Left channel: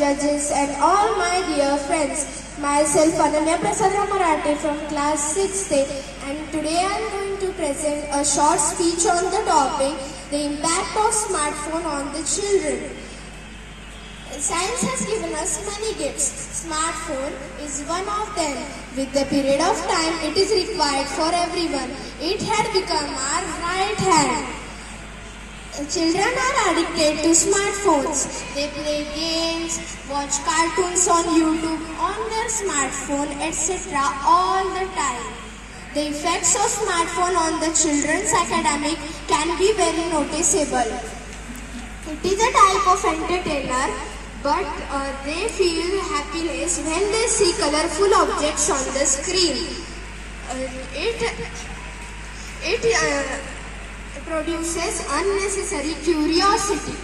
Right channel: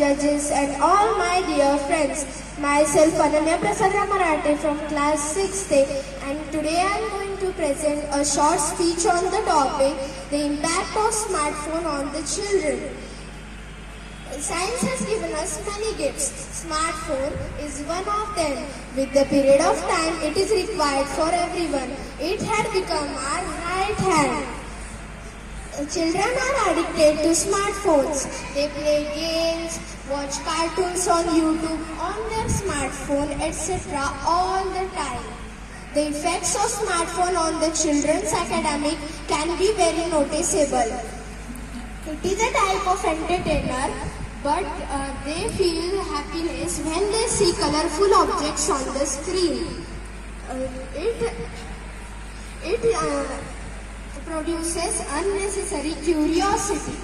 judges and all my dear friends. Myself Ananya Prasadra Marathe from class 6th and today I am going to present a short speech on the topic, the impact of smartphone on the children. Science has given us many gifts. Smartphone is one of them. With the period of time it is required for everyone. It had become our right hand. Children are addicted to smartphones. They play games, watch cartoons on YouTube, on their smartphone, etc. all the time. The effects of smartphone on the children's academic can be very noticeable. It is a type of entertainer, but they feel happiness when they see colorful objects on the screen. It produces unnecessary curiosity.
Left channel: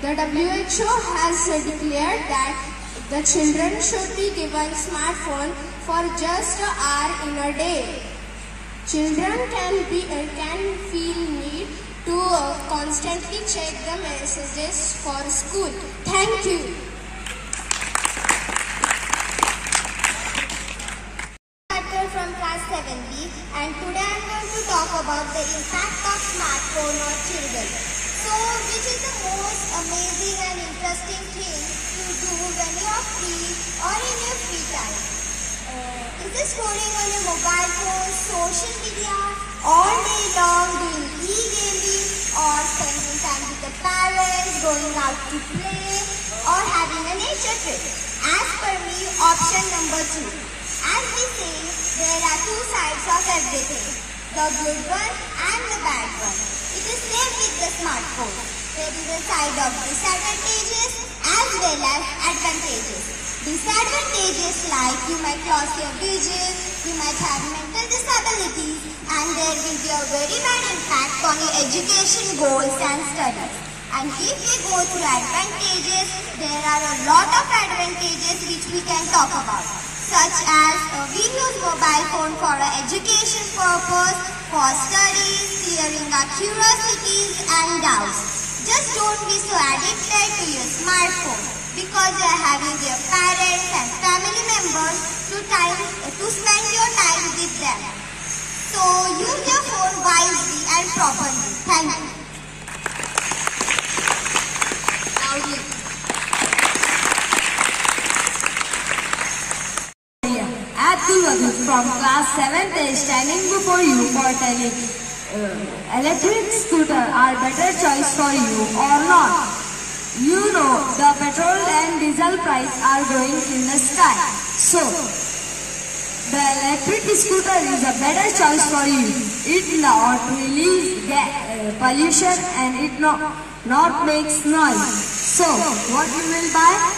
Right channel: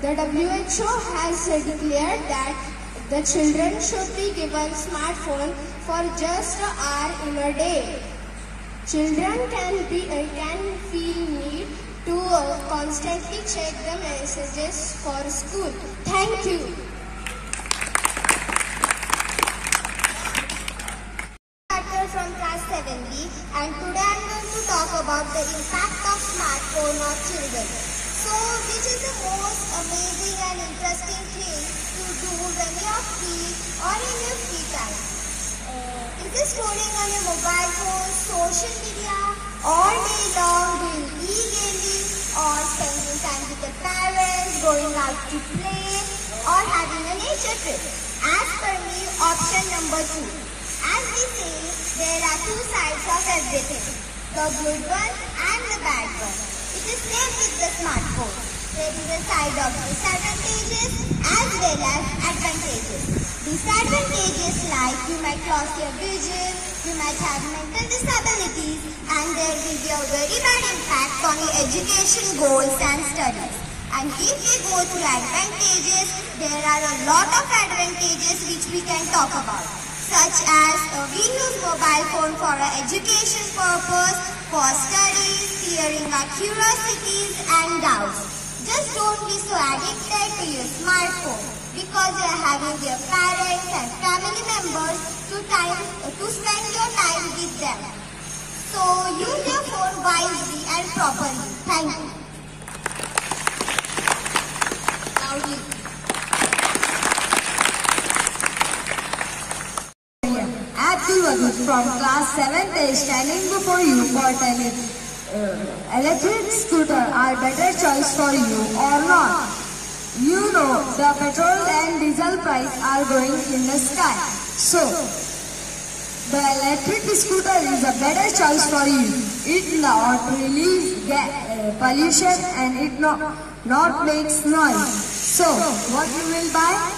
The WHO has declared that the children should be given smartphone for just an hour in a day. Children can feel need to constantly check the messages for school. Thank you. From class 7B, and today I am going to talk about the impact of smartphone on children. So, which is the most amazing and interesting thing to do when you are free or in your free time? Is it scrolling on your mobile phone, social media, all day long doing e-gaming, or spending time with the parents, going out to play, or having a nature trip? As per me, option number 2. As we say, there are two sides of everything, the good one and the bad one. It is same with the smartphone. There is a side of disadvantages as well as advantages. Disadvantages like you might lose your vision, you might have mental disabilities, and there will be a very bad impact on your education goals and studies. And if we go to advantages, there are a lot of advantages which we can talk about. Such as we use mobile phone for education purpose, for studies, clearing our curiosities and doubts. Just don't be so addicted to your smartphone because you are having your parents and family members to spend your time with them. So use your phone wisely and properly. Thank you. From class 7th is standing before you for telling electric scooter are better choice for you or not. You know the petrol and diesel price are going in the sky. So the electric scooter is a better choice for you. It not release pollution and it not makes noise. So what you will buy?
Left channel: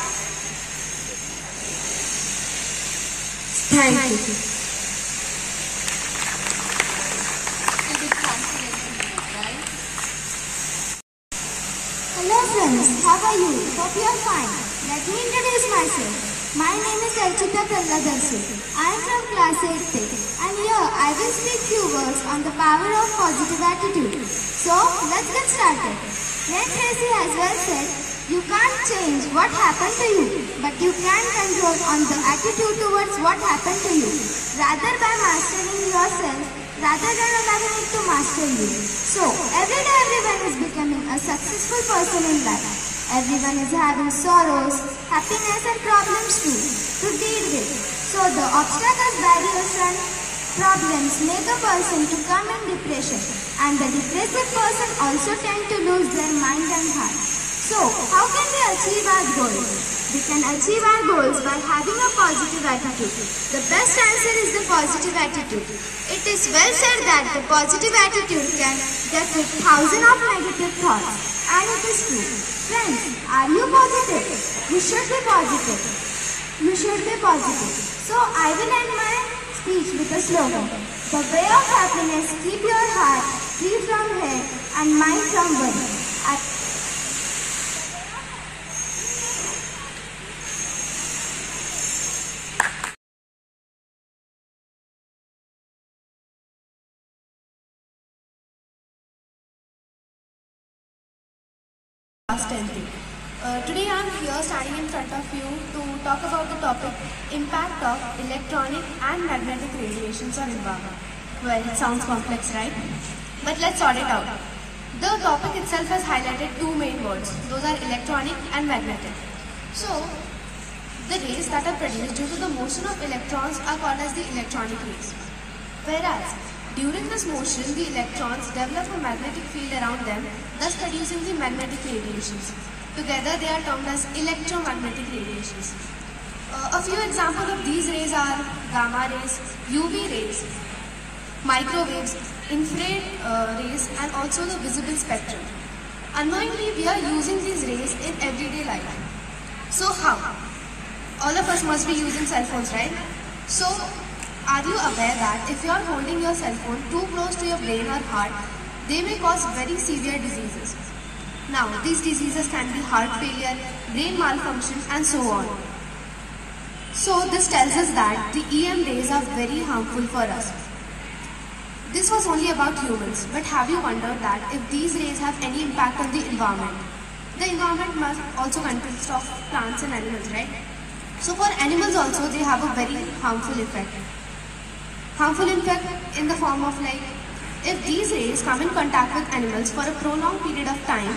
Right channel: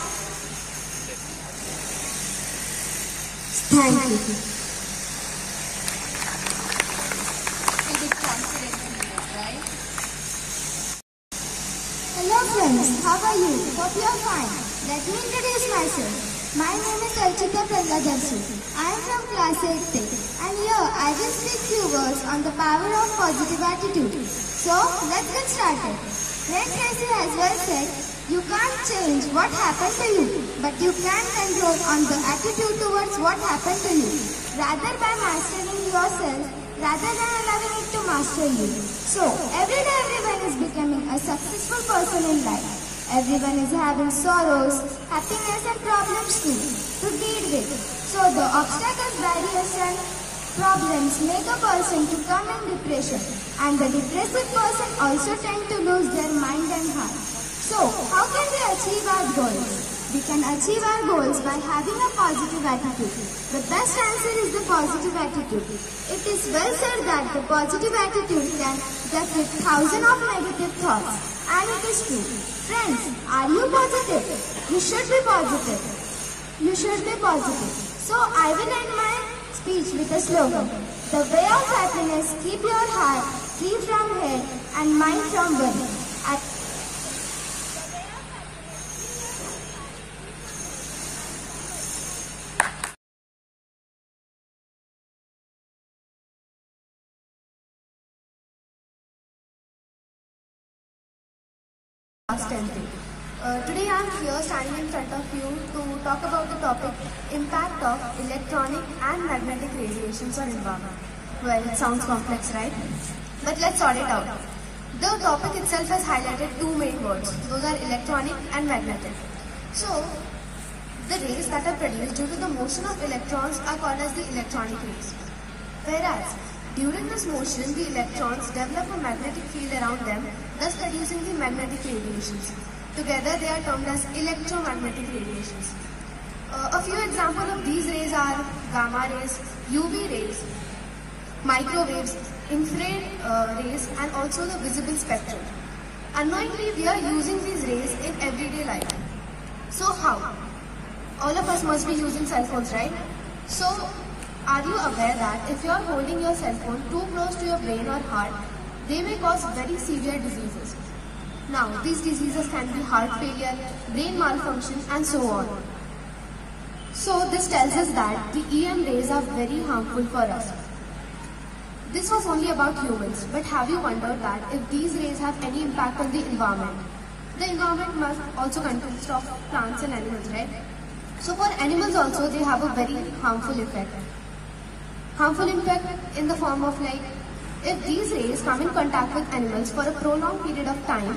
Thank you. Hello friends, how are you? Hope you are fine. Let me introduce myself. My name is Archita Pralladarshi. I am from class 8th and here I will speak few words on the power of positive attitude. So let's get started. Ray Tracy has well said, you can't change what happened to you, but you can control on the attitude towards what happened to you. Rather by mastering yourself, rather than allowing it to master you. So, every day everyone is becoming a successful person in life. Everyone is having sorrows, happiness and problems too to deal with. So, the obstacles, barriers and problems make a person to come in depression. And the depressive person also tend to lose their mind and heart. So, how can we achieve our goals? We can achieve our goals by having a positive attitude. The best answer is the positive attitude. It is well said that the positive attitude can defeat thousands of negative thoughts. And it is true. Friends, are you positive? You should be positive. You should be positive. So, I will end my speech with a slogan. The way of happiness, keep your heart free from hate and mind from worry. Today I am here standing in front of you to talk about the topic impact of electronic and magnetic radiations on environment. Well, it sounds complex, right? But let's sort it out. The topic itself has highlighted two main words. Those are electronic and magnetic. So, the rays that are produced due to the motion of electrons are called as the electronic rays. Whereas, during this motion, the electrons develop a magnetic field around them, thus producing the magnetic radiations. Together, they are termed as electromagnetic radiations. A few examples of these rays are gamma rays, UV rays, microwaves, infrared rays, and also the visible spectrum. Unknowingly, we are using these rays in everyday life. So how? All of us must be using cell phones, right? So, are you aware that if you are holding your cell phone too close to your brain or heart, they may cause very severe diseases. Now, these diseases can be heart failure, brain malfunction, and so on. So, this tells us that the EM rays are very harmful for us. This was only about humans, but have you wondered that if these rays have any impact on the environment? The environment must also consist of plants and animals, right? So, for animals also, they have a very harmful effect. Harmful effect in the form of if these rays come in contact with animals for a prolonged period of time,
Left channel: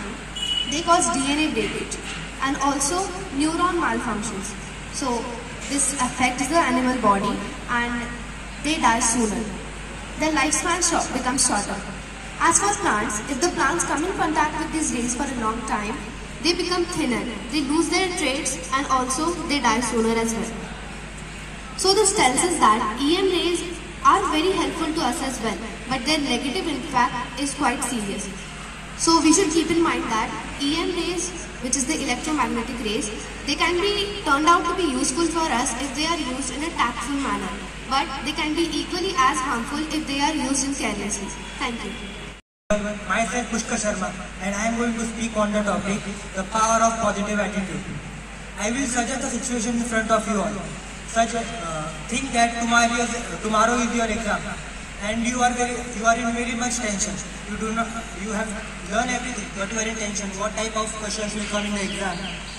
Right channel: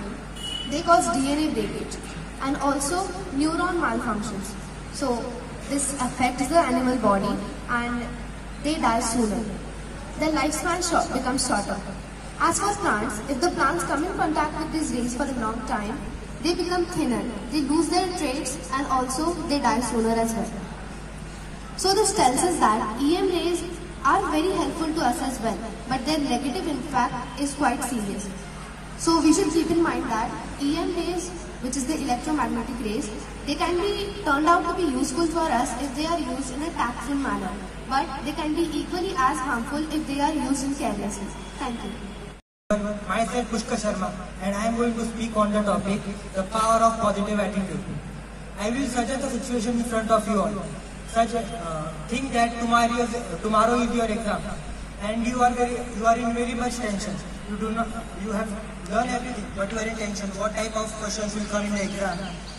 they cause DNA breakage and also neuron malfunctions. So this affects the animal body and they die sooner. Their lifespan becomes shorter. As for plants, if the plants come in contact with these rays for a long time, they become thinner, they lose their traits and also they die sooner as well. So this tells us that EM rays are very helpful to us as well, but their negative impact is quite serious. So we should keep in mind that EM rays, which is the electromagnetic rays, they can be turned out to be useful for us if they are used in a tactful manner, but they can be equally as harmful if they are used in carelessly. Thank you. Myself Pushkar Sharma, and I am going to speak on the topic, the power of positive attitude. I will suggest a situation in front of you all. Think that tomorrow is your exam, and you are in very much tension. You have learned everything, but you are in tension. What type of questions will come in the exam?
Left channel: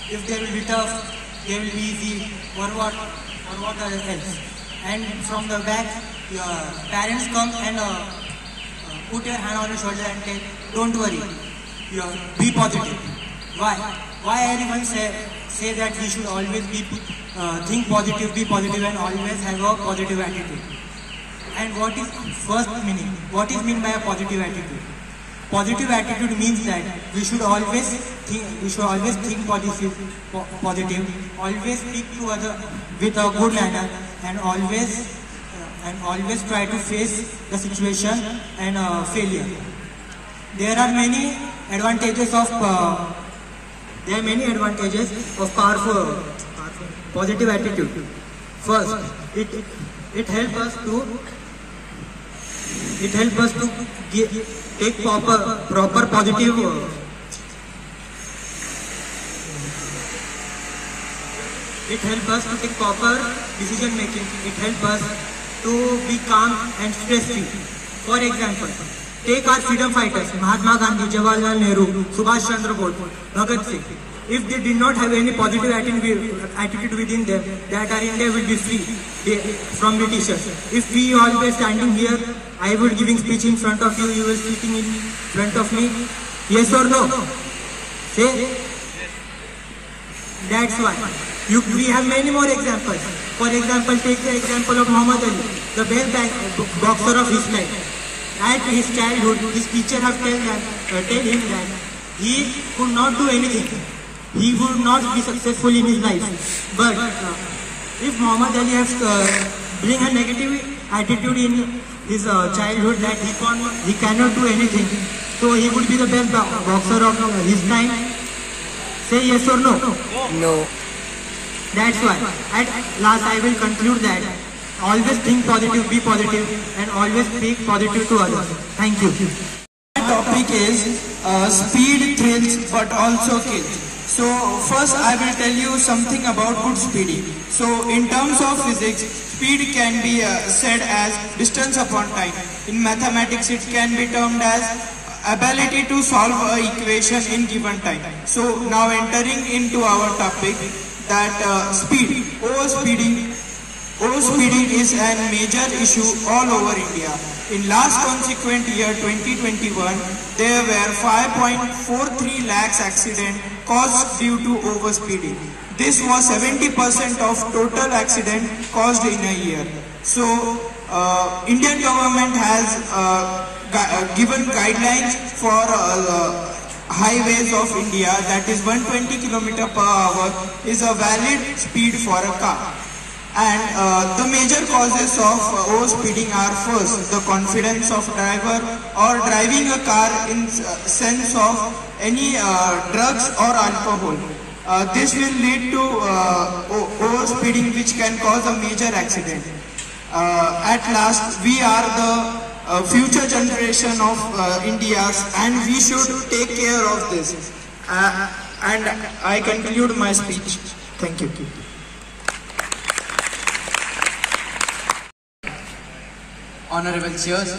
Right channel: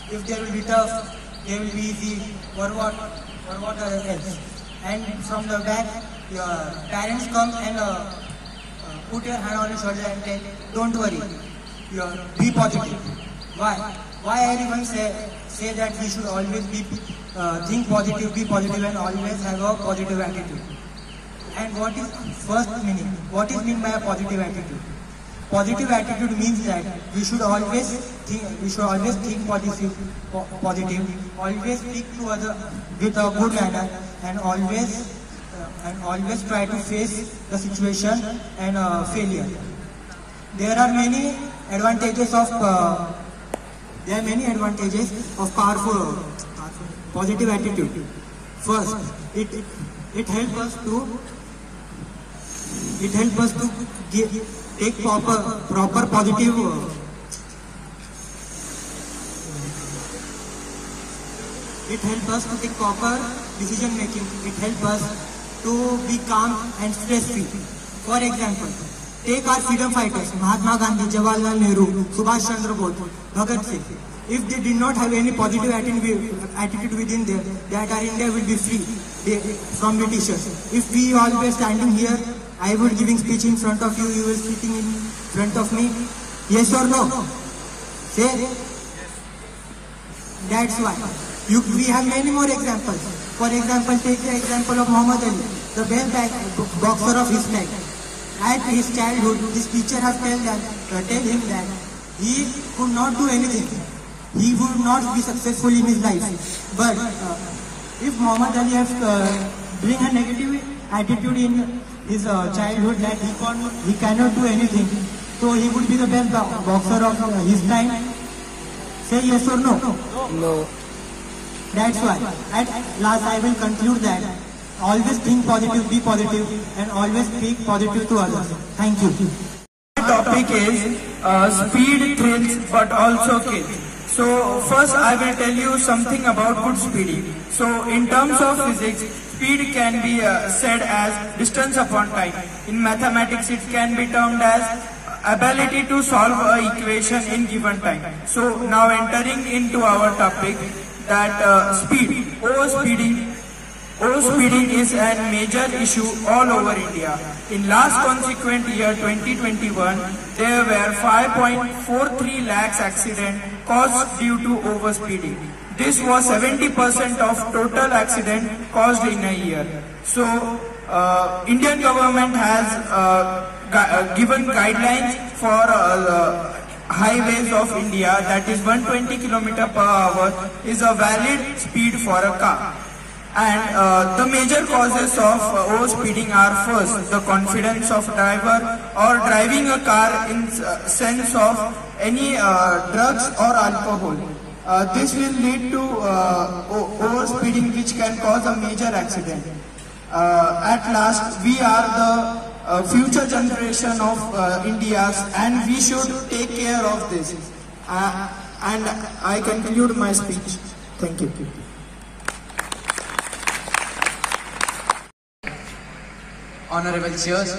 If they will be tough, they will be easy, or what else? And from the back, your parents come and put your hand on your shoulder and say, "Don't worry, be positive." Why everyone say that we should always think positive, be positive, and always have a positive attitude? And what is first meaning? What is meant by a positive attitude? Positive attitude means that we should always think positive, always speak to others with a good manner, and always try to face the situation and failure. There are many advantages of powerful positive attitude. First, it helps us to take proper positive it helps us to take proper decision making. It helps us to be calm and stress free. For example, take our freedom fighters, Mahatma Gandhi, Jawaharlal Nehru, Subhash Chandra Bose, Bhagat Singh. If they did not have any positive attitude within them, that our India will be free from Britishers. If we always standing here, I would giving speech in front of you, you will speaking in front of me. Yes or no? Say. That's why. We have many more examples. For example, take the example of Muhammad Ali, the best boxer of his life. At his childhood, his teacher have tell him that he could not do anything. He would not be successful in his life. But if Muhammad Ali has bring a negative attitude in his childhood that he cannot do anything, so he would be the best boxer of his time. Say yes or no? No. That's why. At last, I will conclude that always think positive, be positive, and always speak positive to others. Thank you. My topic is speed thrills but also kills. So first I will tell you something about good speeding. So in terms of physics, speed can be said as distance upon time. In mathematics, it can be termed as ability to solve an equation in given time. So now entering into our topic, that speed, overspeeding is a major issue all over India. In last consequent year 2021, there were 5.43 lakhs accidents caused due to overspeeding. This was 70% of total accident caused in a year. So Indian government has given guidelines for highways of India, that is 120 km per hour is a valid speed for a car. And the major causes of overspeeding are: first, the confidence of driver, or driving a car in sense of any drugs or alcohol. This will lead to overspeeding, which can cause a major accident. At last, we are the future generation of India's, and we should take care of this. And I conclude my speech. Thank you. Honorable Chairs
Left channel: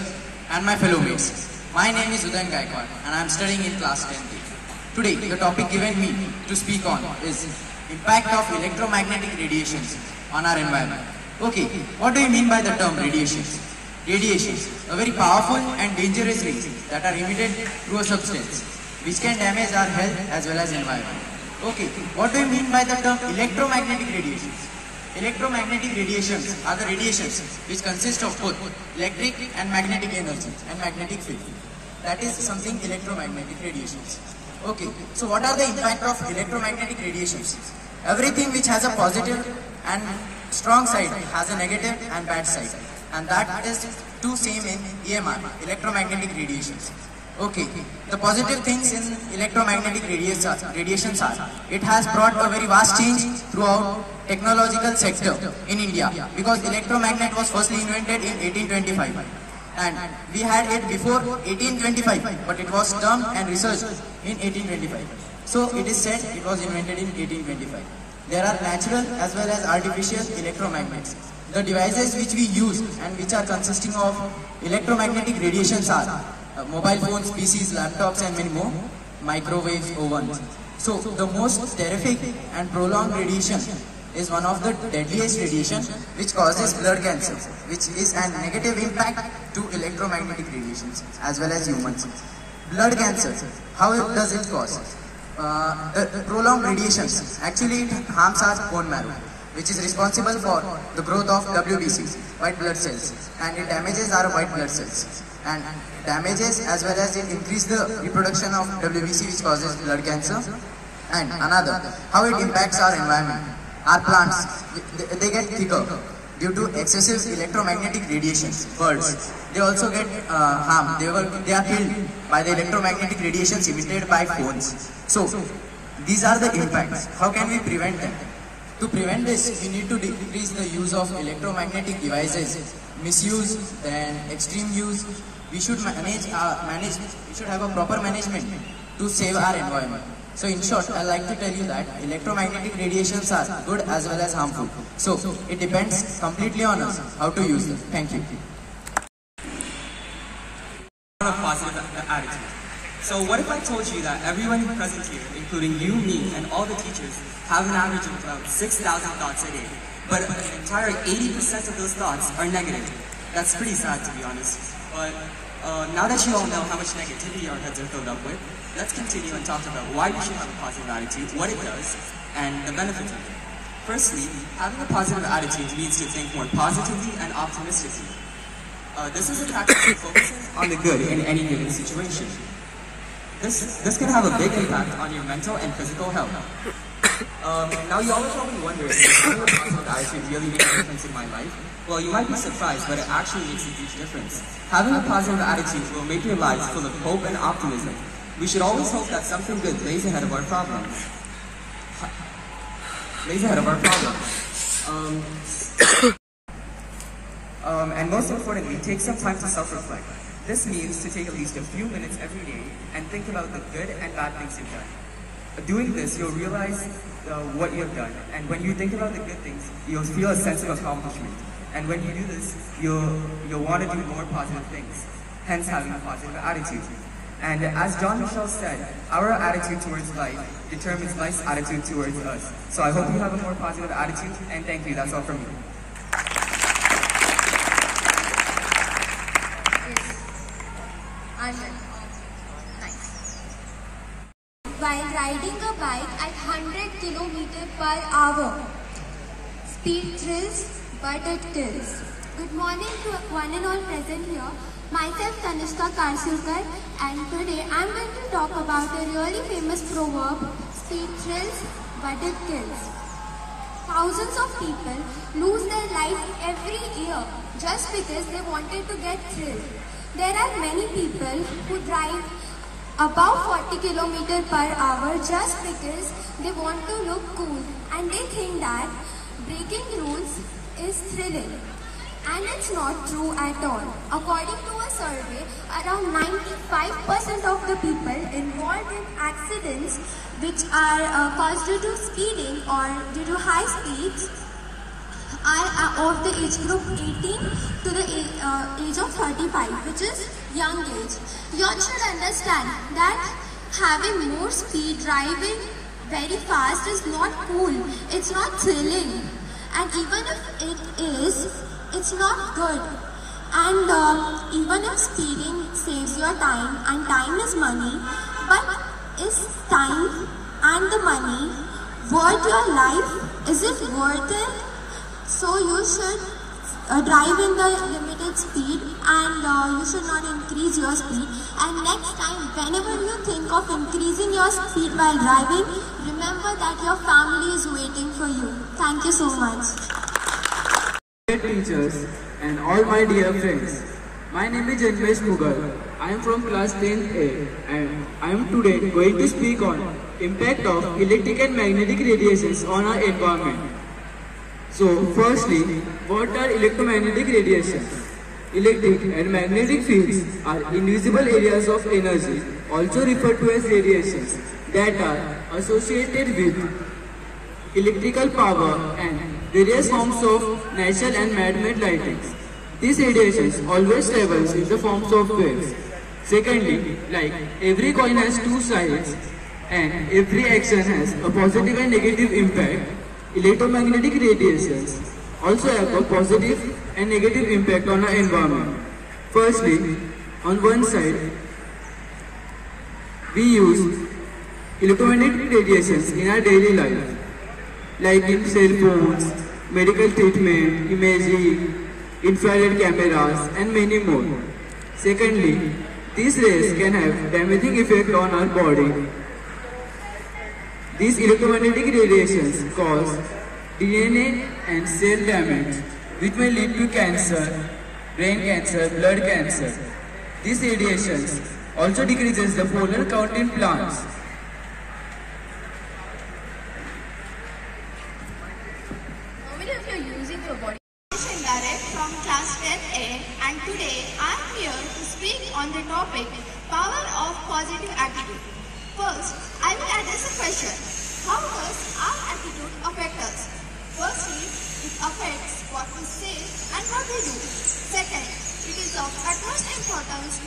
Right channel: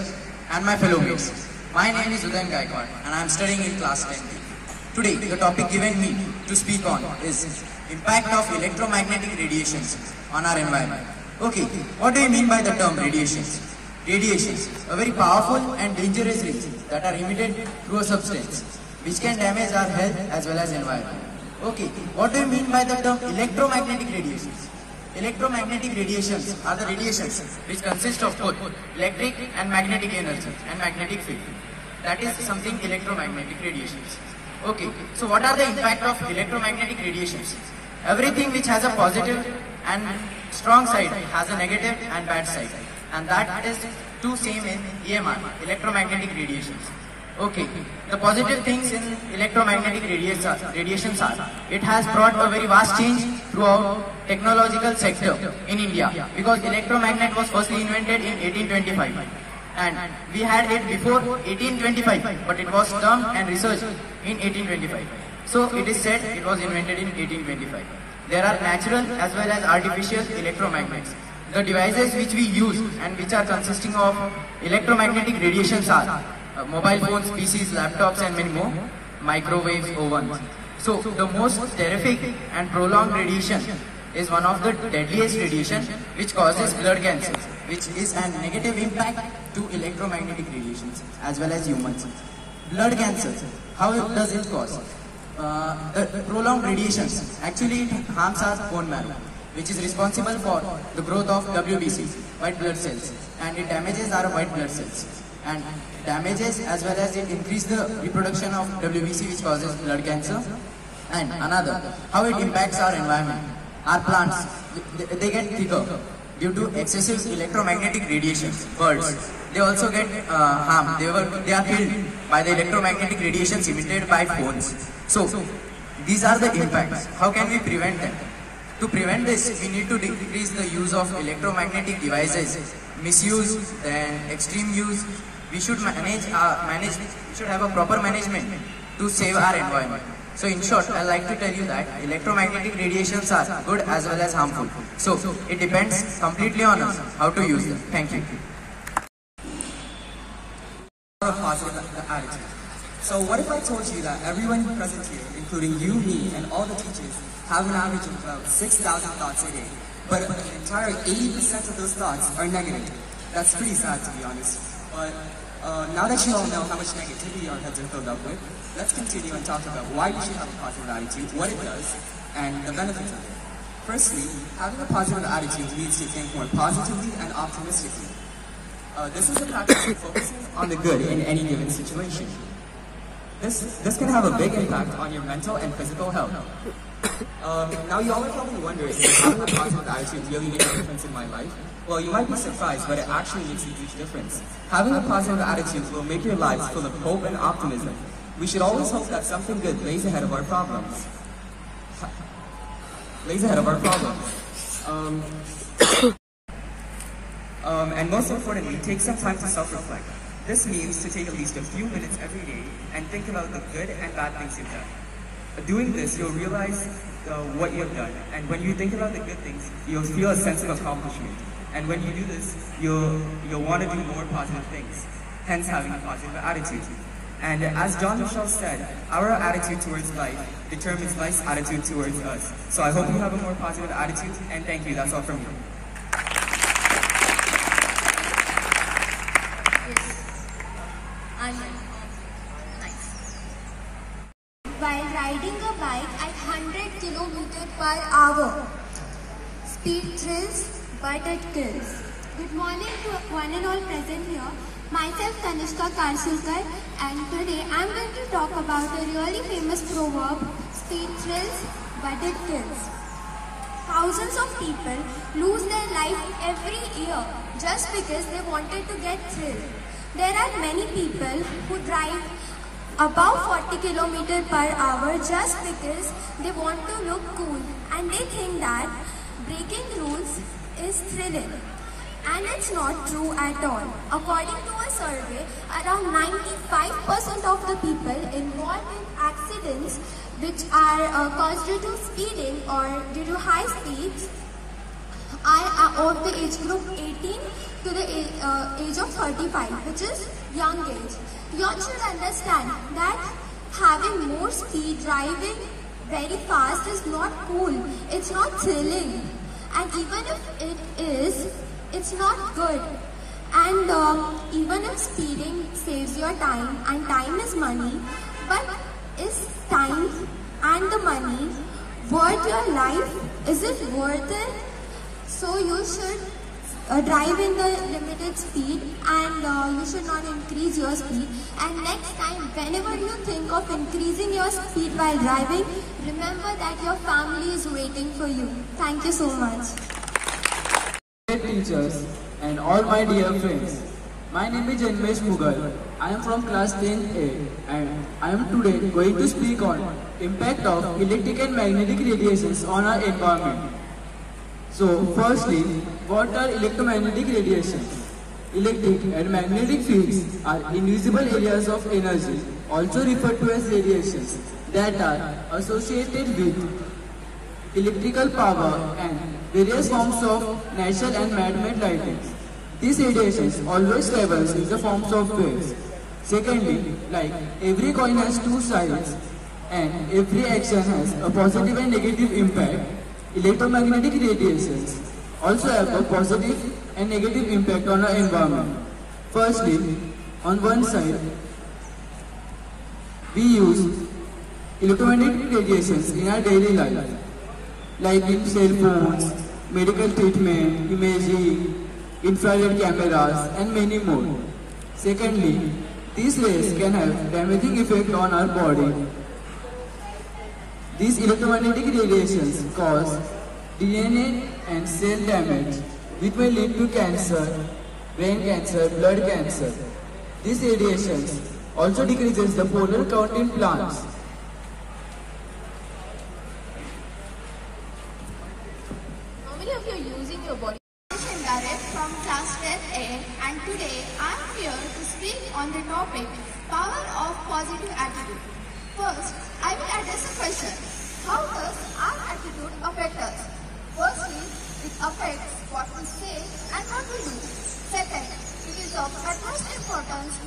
and my fellow mates. My name is Udayan Gaikwad and I am studying in class 10th. Today, the topic given me to speak on is impact of electromagnetic radiations on our environment. Okay, what do you mean by the term radiations? Radiations, a very powerful and dangerous rays that are emitted through a substance which can damage our health as well as environment. Okay, what do you mean by the term electromagnetic radiations? Electromagnetic radiations are the radiations which consist of both electric and magnetic energy and magnetic field. That is something electromagnetic radiations. Okay, so what are the impact of electromagnetic radiations? Everything which has a positive and strong side has a negative and bad side. And that is two same in EMR, electromagnetic radiations. Okay, the positive things in electromagnetic radiations are, it has brought a very vast change throughout technological sector in India, because electromagnet was firstly invented in 1825 and we had it before 1825, but it was termed and researched in 1825. So it is said it was invented in 1825. There are natural as well as artificial electromagnets. The devices which we use and which are consisting of electromagnetic radiations are mobile phones, PCs, laptops and many more, microwaves, ovens. So the most terrific and prolonged radiation is one of the deadliest radiation which causes blood cancer, which is a negative impact to electromagnetic radiations as well as humans. Blood cancer, how does it cause? The prolonged radiations, actually it harms our bone marrow, which is responsible for the growth of WBC, white blood cells, and it damages our white blood cells. And damages as well as it increases the reproduction of WBC, which causes blood cancer. And another, how it impacts our environment. Our plants, they get thicker due to excessive electromagnetic radiations. Birds, they also get harmed. They are killed by the electromagnetic radiations emitted by phones. So these are the impacts. How can we prevent them? To prevent this, we need to decrease the use of electromagnetic devices, misuse and extreme use. We should we should have a proper management to save our environment. So in short, I like to tell you that electromagnetic radiations are good as well as harmful. So it depends completely on us how to use them. Thank you. A positive attitude. So what if I told you that everyone present here, including you, me, and all the teachers, have an average of about 6,000 thoughts a day, but an entire 80% of those thoughts are negative? That's pretty sad, to be honest. But now that you all know how much negativity our heads are filled up with, let's continue and talk about why you should have a positive attitude, what it does, and the benefits of it. Firstly, having a positive attitude leads to think more positively and optimistically. This is a practice of focusing on the good in any given situation. This can have a big impact on your mental and physical health. Now you always probably wonder, does having a positive attitude really make a difference in my life? Well, you might be surprised, but it actually makes a huge difference. Having a positive attitude will make your lives full of hope and optimism. We should always hope that something good lays ahead of our problems. And most importantly, take some time to self-reflect. This means to take at least a few minutes every day and think about the good and bad things you've done. Doing this, you'll realize what you have done. And when you think about the good things, you'll feel a sense of accomplishment. And when you do this, you'll want to do more positive things, hence having a positive attitude. And as John Michel said, our attitude towards life determines life's attitude towards us. So I hope you have a more positive attitude, and thank you. That's all from me. While riding a bike at 100 km per hour. Speed thrills, but it kills. Good morning to one and all present here. Myself Tanishka Karsulkar, and today I am going to talk about a really famous proverb, speed thrills, but it kills. Thousands of people lose their life every year just because they wanted to get thrilled. There are many people who drive above 40 km per hour just because they want to look cool and they think that breaking rules is thrilling. And it's not true at all. According to a survey, around 95% of the people involved in accidents which are caused due to speeding or due to high speeds are of the age group 18 to the age of 35, which is young age. You all should understand that having more speed, driving very fast is not cool. It's not thrilling. And even if it is, it's not good. And even if speeding saves your time, and time is money, but is time and the money worth your life? Is it worth it? So you should drive in the limited speed, and you should not increase your speed. And next time, whenever you think of increasing your speed while driving, remember that your family is waiting for you. Thank you so much. Dear teachers and all my dear friends, my name is Janmesh Mughal. I am from class 10A, and I am today going to speak on impact of electric and magnetic radiations on our environment. So firstly, what are electromagnetic radiations? Electric and magnetic fields are invisible areas of energy, also referred to as radiations, that are associated with electrical power and various forms of natural and man-made lighting. These radiations always travels in the forms of waves. Secondly, like every coin has two sides and every action has a positive and negative impact, electromagnetic radiations also have a positive and negative impact on our environment. Firstly, on one side, we use electromagnetic radiations in our daily life, like in cell phones, medical treatment, imaging, infrared cameras, and many more. Secondly, these rays can have damaging effect on our body. These electromagnetic radiations cause DNA and cell damage, which may lead to cancer, brain cancer, blood cancer. These radiations also decreases the pollen count in plants. How many of you are using your body? Indirect from class 10A, and today I am here to speak on the topic power of positive attitude. First, I will address a question. How does our attitude affect us? Firstly, it affects what we say and what we do. Second, it is of utmost importance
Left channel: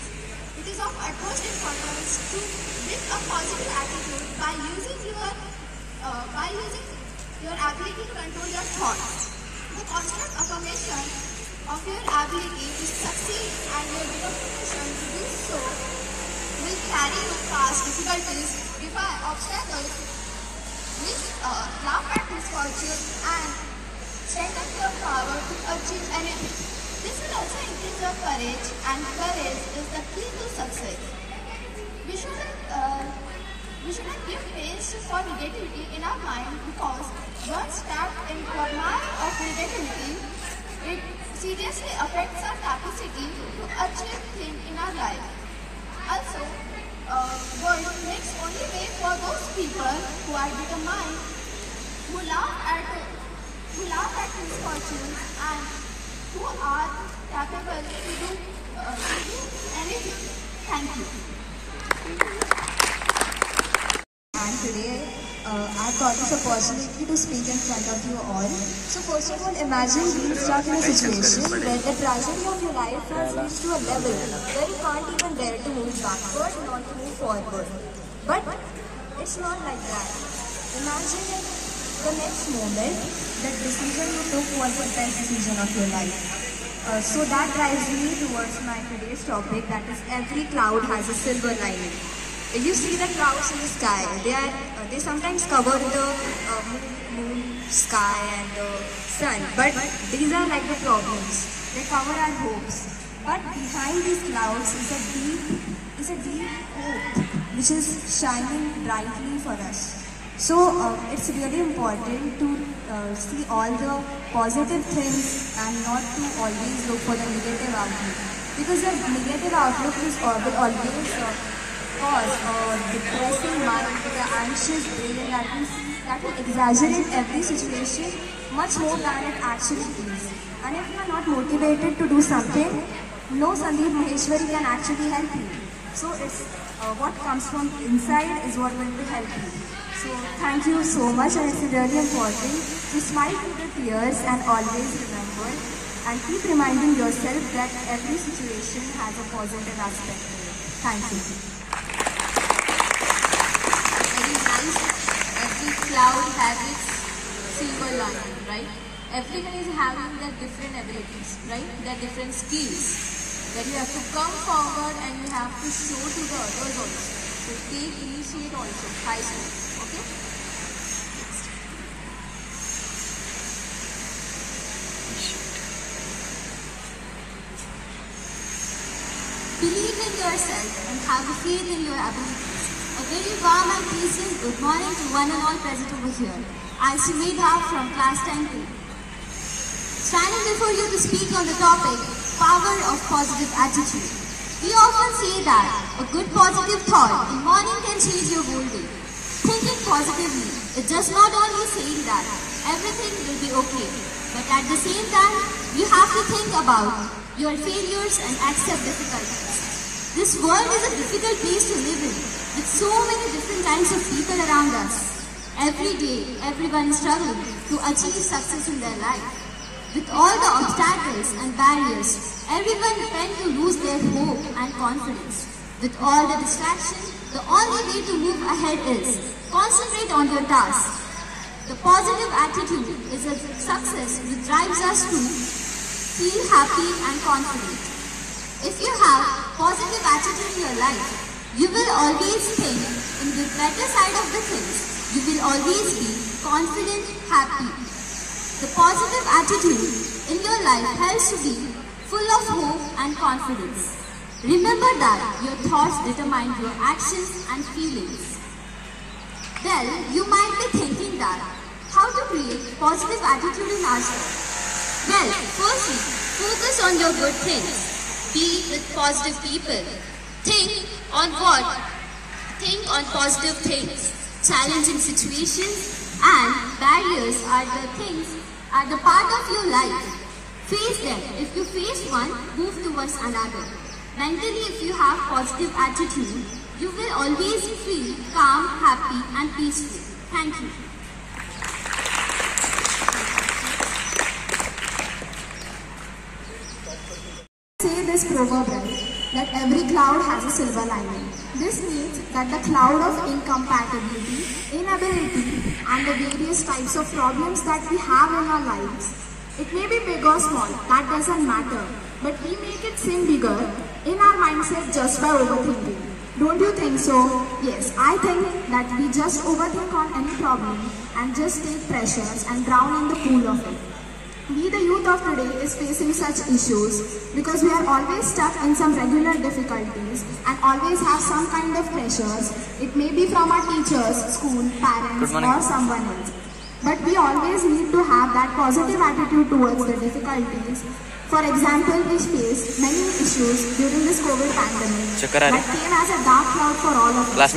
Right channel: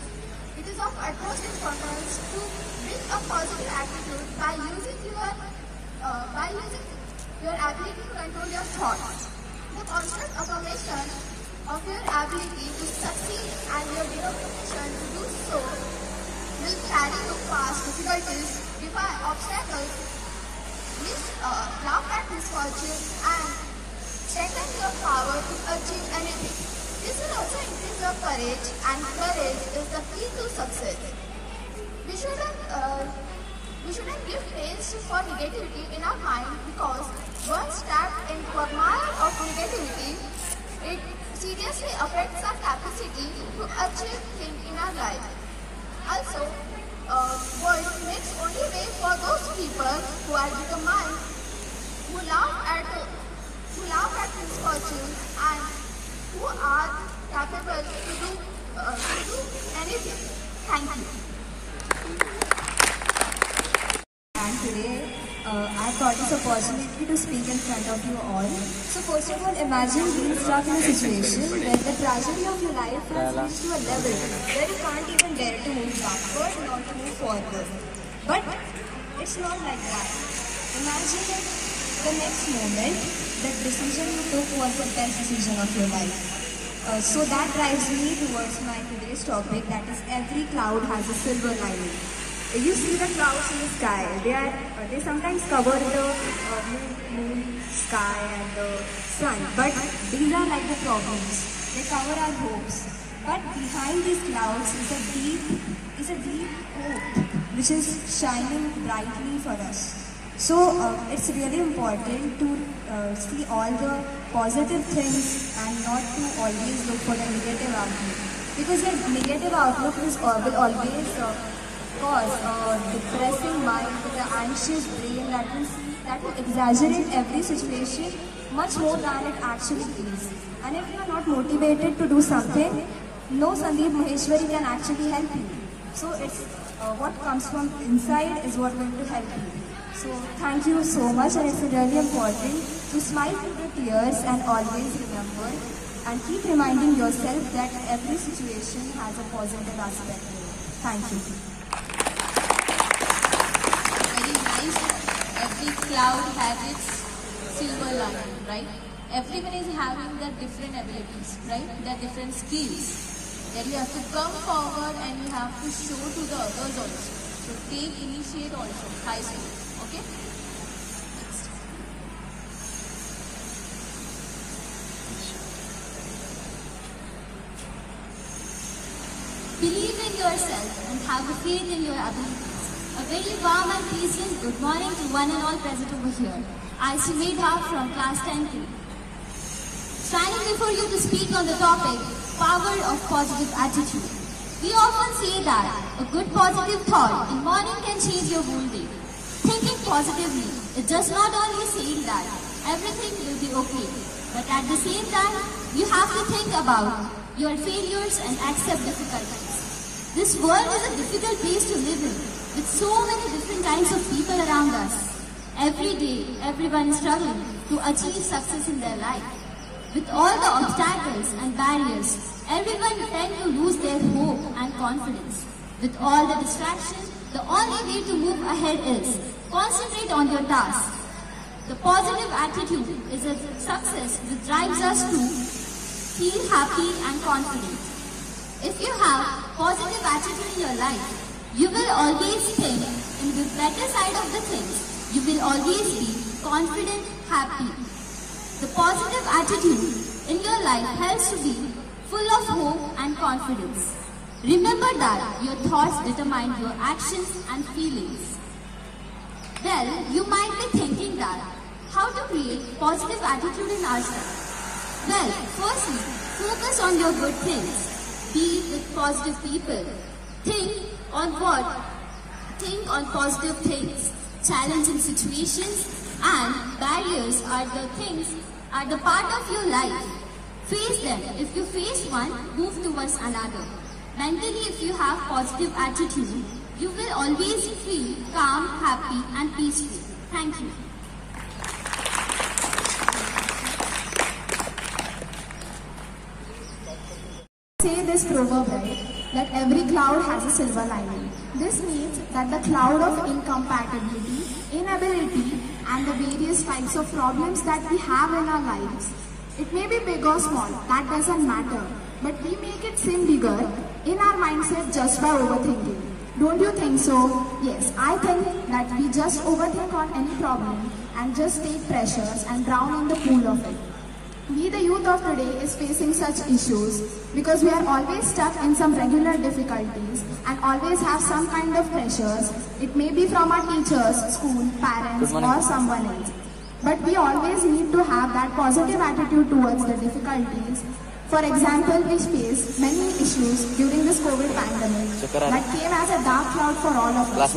to bring a positive attitude by using your ability to control your thoughts. The constant affirmation of your ability to succeed and your determination to do so will carry you past difficulties, defy obstacles, laugh at misfortune, and strengthen your power to achieve anything. This will also increase your courage, and courage is the key to success. We shouldn't give place for negativity in our mind, because once tapped into a mire of negativity, it seriously affects our capacity to achieve things in our life. Also, world makes only way for those people who are determined, who laugh at misfortunes, and who are capable to do anything. Thank you. And today I got this opportunity to speak in front of you all. So first of all, imagine being stuck in a situation where the tragedy of your life has reached to a level where you can't even dare to move backward, not to move forward. But it's not like that. Imagine if the next moment, the decision you took was the best decision of your life. So that drives me towards my today's topic, that is every cloud has a silver lining. You see the clouds in the sky, they sometimes cover the moon, sky and the sun, but these are like the problems. They cover our hopes. But behind these clouds is a deep hope which is shining brightly for us. So it's really important to see all the positive things and not to always look for the negative outlook. Because the negative outlook will always cause a depressing mind with an anxious brain that will exaggerate every situation much more than it actually is. And if you are not motivated to do something, no Sandeep Maheshwari can actually help you. So it's what comes from inside is what going to help you. So thank you so much, and it's really important to smile through the tears and always remember and keep reminding yourself that every situation has a positive aspect to it. Thank you. Very nice. Every cloud has its silver lining, right? Everyone is having their different abilities, right? Their different skills that you have to come forward and you have to show to the others also. So take initiate also, high school. Okay? Believe in yourself and have a faith in your abilities. A very warm and pleasant good morning to one and all present over here. I am Sumedha from class 10th. Standing before you to speak on the topic, power of positive attitude. We often say that a good positive thought in morning can change your whole day. Thinking positively, it does not only say that everything will be okay, but at the same time, you have to think about your failures and accept difficulties. This world is a difficult place to live in, with so many different kinds of people around us. Every day, everyone is struggling to achieve success in their life. With all the obstacles and barriers, everyone tends to lose their hope and confidence. With all the distractions, the only way to move ahead is concentrate on your task. The positive attitude is a success which drives us to feel happy and confident. If you have positive attitude in your life, you will always think in the better side of the things. You will always be confident, happy. The positive attitude in your life helps to be full of hope and confidence. Remember that your thoughts determine your actions and feelings. Well, you might be thinking that how to create positive attitude in ourselves. Well, firstly, focus on your good things. Be with positive people. Think on what? Think on positive things. Challenging situations and barriers are the part of your life. Face them. If you face one, move towards another. Mentally, if you have positive attitude, you will always feel calm, happy and peaceful. Thank you. Say this proverb, right, that every cloud has a silver lining. This means that the cloud of incompatibility, inability and the various types of problems that we have in our lives, it may be big or small, that doesn't matter, but we make it seem bigger in our mindset just by overthinking. Don't you think so? Yes, I think that we just overthink on any problem and just take pressures and drown in the pool of it. We, the youth of today, is facing such issues because we are always stuck in some regular difficulties and always have some kind of pressures. It may be from our teachers, school, parents or someone else. But we always need to have that positive attitude towards the difficulties. For example, we faced many issues during this COVID pandemic that came as a dark cloud for all of us.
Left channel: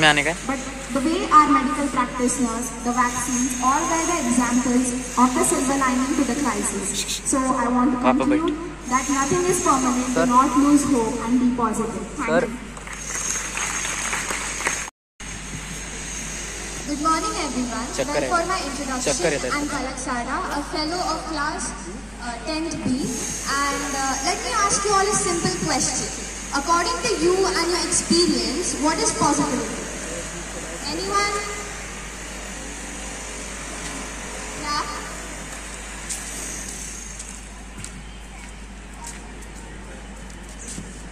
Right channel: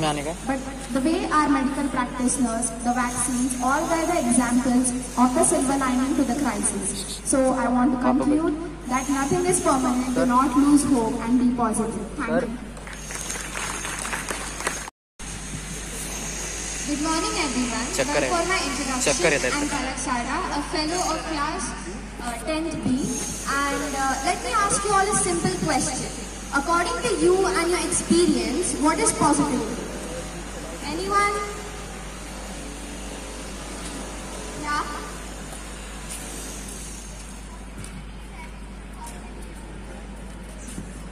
But the way our medical practitioners, the vaccines, all were the examples of the silver lining to the crisis. So I want to conclude that nothing is permanent, do not lose hope and be positive. Thank you. Good morning everyone. Well, for my introduction, I'm Palak Sara, a fellow of class 10th B, and let me ask you all a simple question. According to you and your experience, what is positivity? Anyone? Yeah?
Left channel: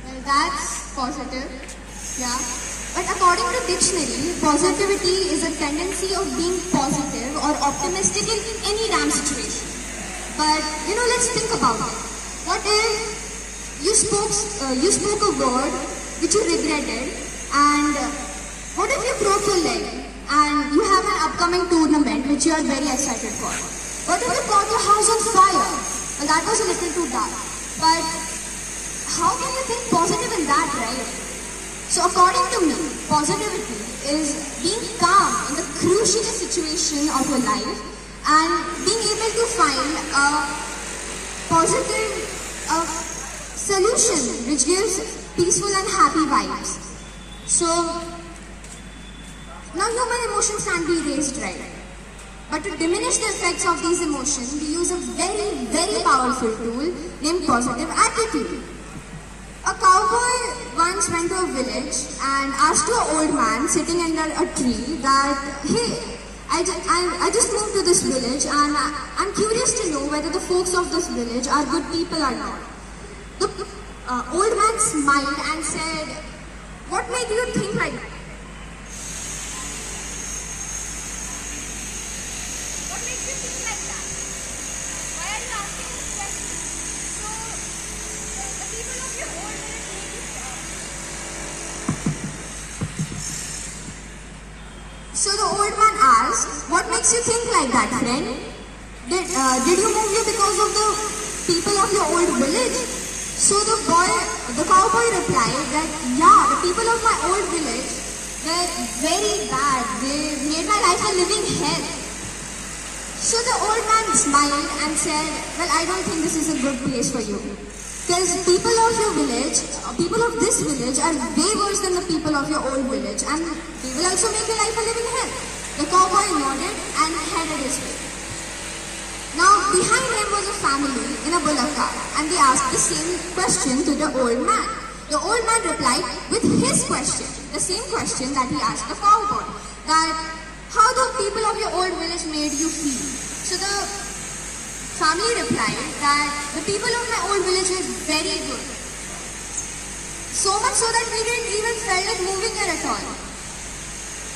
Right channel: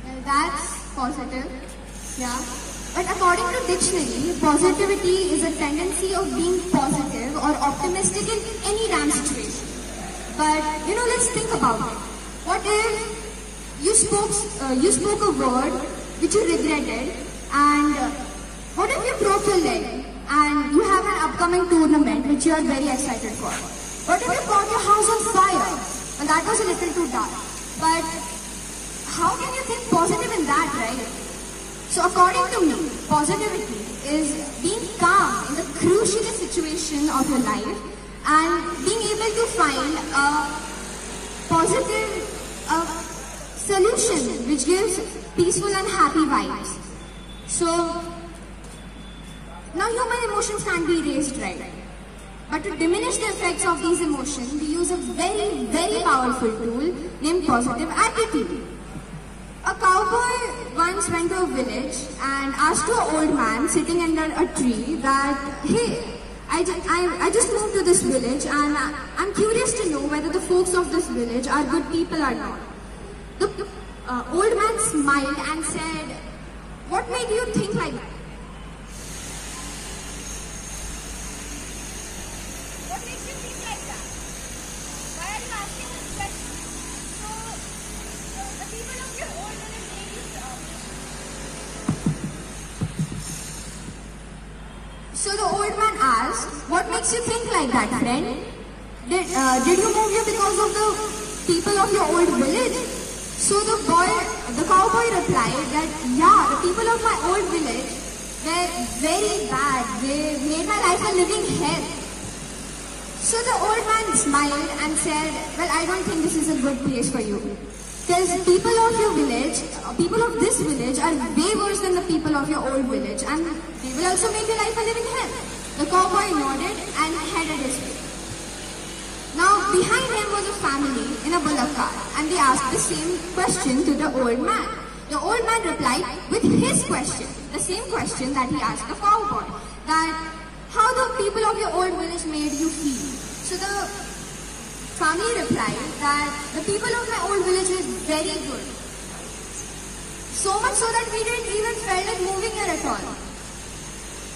Well, that's positive. Yeah. But according to dictionary, positivity is a tendency of being positive or optimistic in any damn situation. But, let's think about it. What if you spoke a word which you regretted, and what if you broke your leg and you have an upcoming tournament which you are very excited for? What if you caught your house on fire? Well, that was a little too dark. But how can you think positive in that, right? So according to me, positivity is being calm in the crucial situation of your life and being able to find a positive solution which gives peaceful and happy vibes. So now human emotions can be raised, right? But to diminish the effects of these emotions, we use a very, very powerful tool named positive attitude. A cowboy once went to a village and asked to an old man sitting under a tree that, hey, I just moved to this village and I'm curious to know whether the folks of this village are good people or not. The old man smiled and said, what made you think like that? What makes you think like that? Why are you asking this question? So, the people of your old village made you So the old man asked, what makes you think like that, friend? Did you move here because of the people of your old village? So the cowboy replied that, yeah, the people of my old village were very bad. They made my life a living hell. So the old man smiled and said, well, I don't think this is a good place for you. Because people of your village, people of this village are way worse than the people of your old village, and they will also make your life a living hell. The cowboy nodded and headed his way. Now behind him was a family in a bullock cart, and they asked the same question to the old man. The old man replied with his question, the same question that he asked the cowboy, that how the people of your old village made you feel. So the family replied that the people of my old village were very good. So much so that we didn't even feel like moving here at all.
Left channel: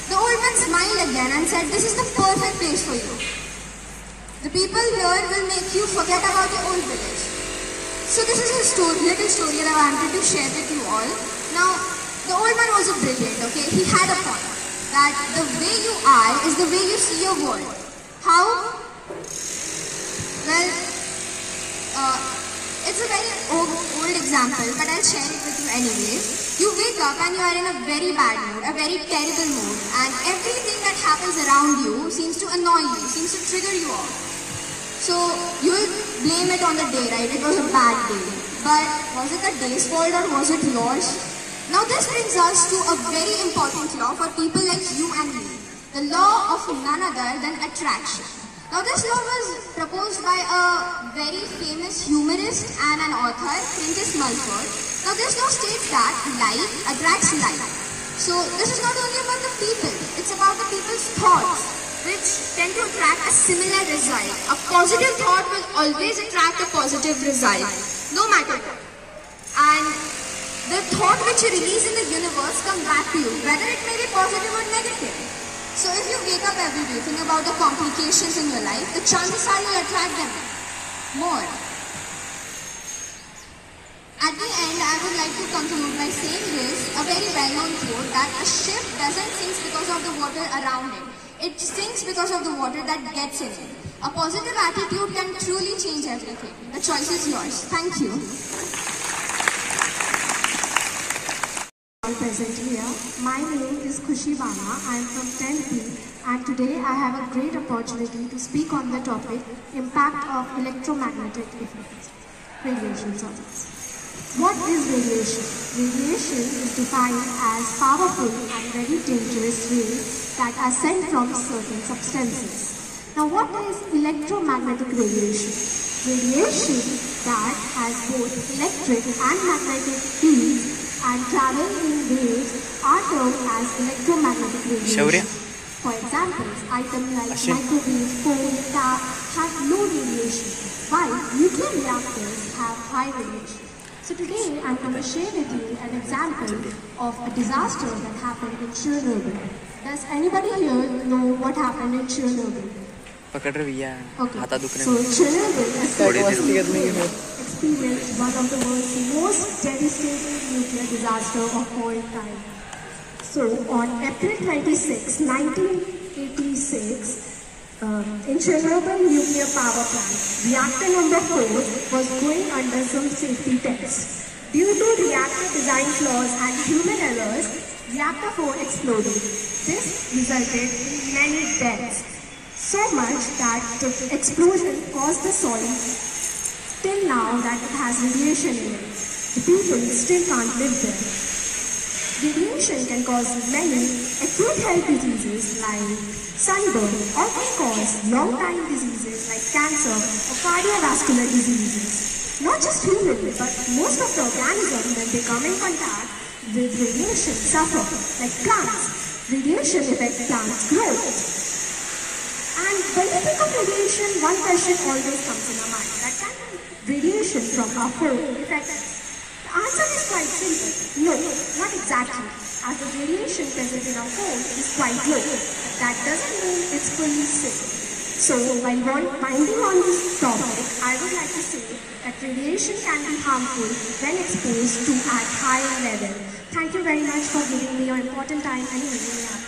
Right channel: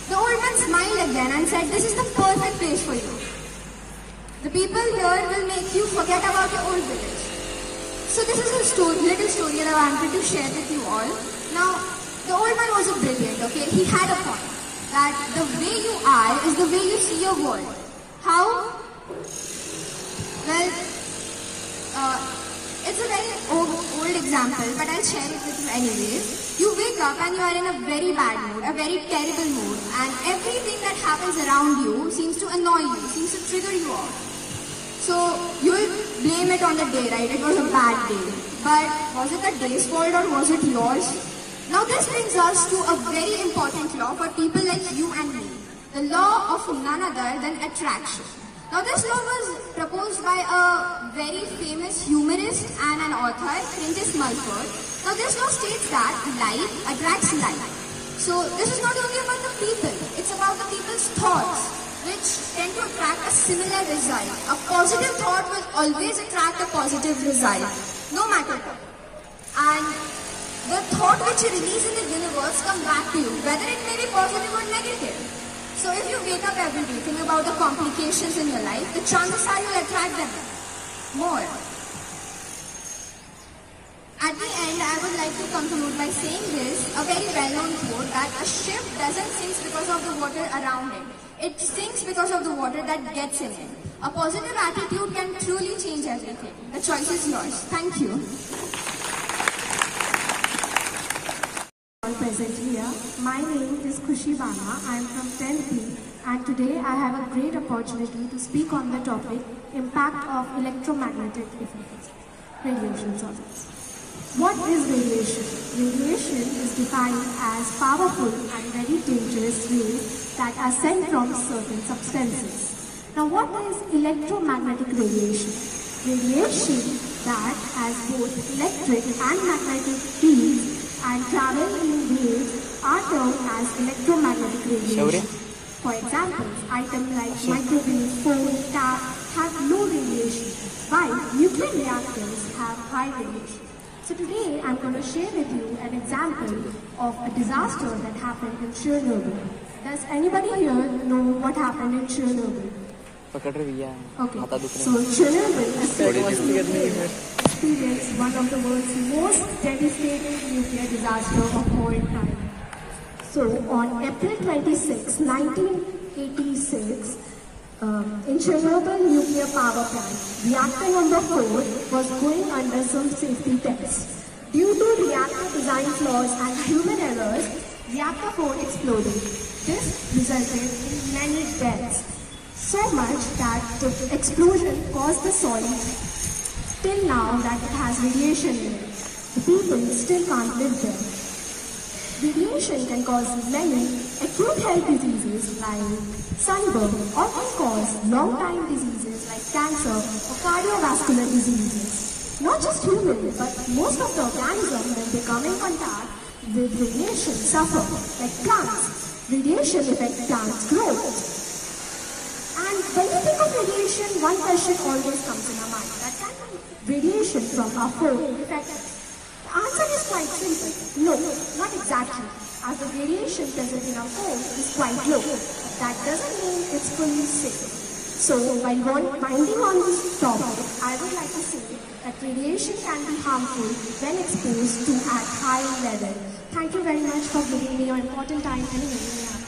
The old man smiled again and said, this is the perfect place for you. The people here will make you forget about your old village. So this is a little story that I wanted to share with you all. Now, the old man was brilliant, okay? He had a point that the way you are is the way you see your world. How? Well, it's a very old example, but I'll share it with you anyway. You wake up and you are in a very bad mood, a very terrible mood, and everything that happens around you seems to annoy you, seems to trigger you off. So you'll blame it on the day, right? It was a bad day. But was it the day's fault or was it yours? Now this brings us to a very important law for people like you and me. The law of none other than attraction. Now this law was proposed by a very famous humorist and an author, Prentice Mulford. Now this law states that like attracts like. So this is not only about the people, it's about the people's thoughts, which tend to attract a similar result. A positive thought will always attract a positive result, no matter what. And the thought which you release in the universe comes back to you, whether it may be positive or negative. So if you wake up every day thinking about the complications in your life, the chances are you'll attract them more. At the end, I would like to conclude by saying this, a very well-known quote, that a ship doesn't sink because of the water around it. It sinks because of the water that gets in it. A positive attitude can truly change everything. The choice is yours. Thank you. Present here. My name is Khushi Bana. I am from 10th B, and today I have a great opportunity to speak on the topic impact of electromagnetic effects, radiation sources. What is radiation? Radiation is defined as powerful and very dangerous rays that are sent from certain substances. Now, what is electromagnetic radiation? Radiation that has both electric and magnetic fields and travel in waves are termed as electromagnetic radiation. For example, items like microwave, phone, tap have low radiation, while nuclear reactors have high radiation. So today I'm going to share with you an example of a disaster that happened in Chernobyl. Does anybody here know what happened in Chernobyl? Okay, so Chernobyl experienced one of the world's most devastating nuclear disasters of all time. So on April 26, 1986, in Chernobyl nuclear power plant, reactor number 4 was going under some safety tests. Due to reactor design flaws and human errors, reactor 4 exploded. This resulted in many deaths. So much that the explosion caused the soil till now that it has radiation in it. The people still can't live there. Radiation can cause many acute health diseases like sunburn, or can cause long-time diseases like cancer or cardiovascular diseases. Not just humans, but most of the organisms when they come in contact with radiation suffer, like plants. Radiation affects plants' growth. And when you think of radiation, one question always comes in our mind, that can radiation from our phone affect us? The answer is quite simple. No, not exactly, as the radiation present in our phone is quite low. But that doesn't mean it's fully safe. So while minding on this topic, I would like to say that radiation can be harmful when exposed to at high level. Thank you very much for giving me your important time and hearing me out.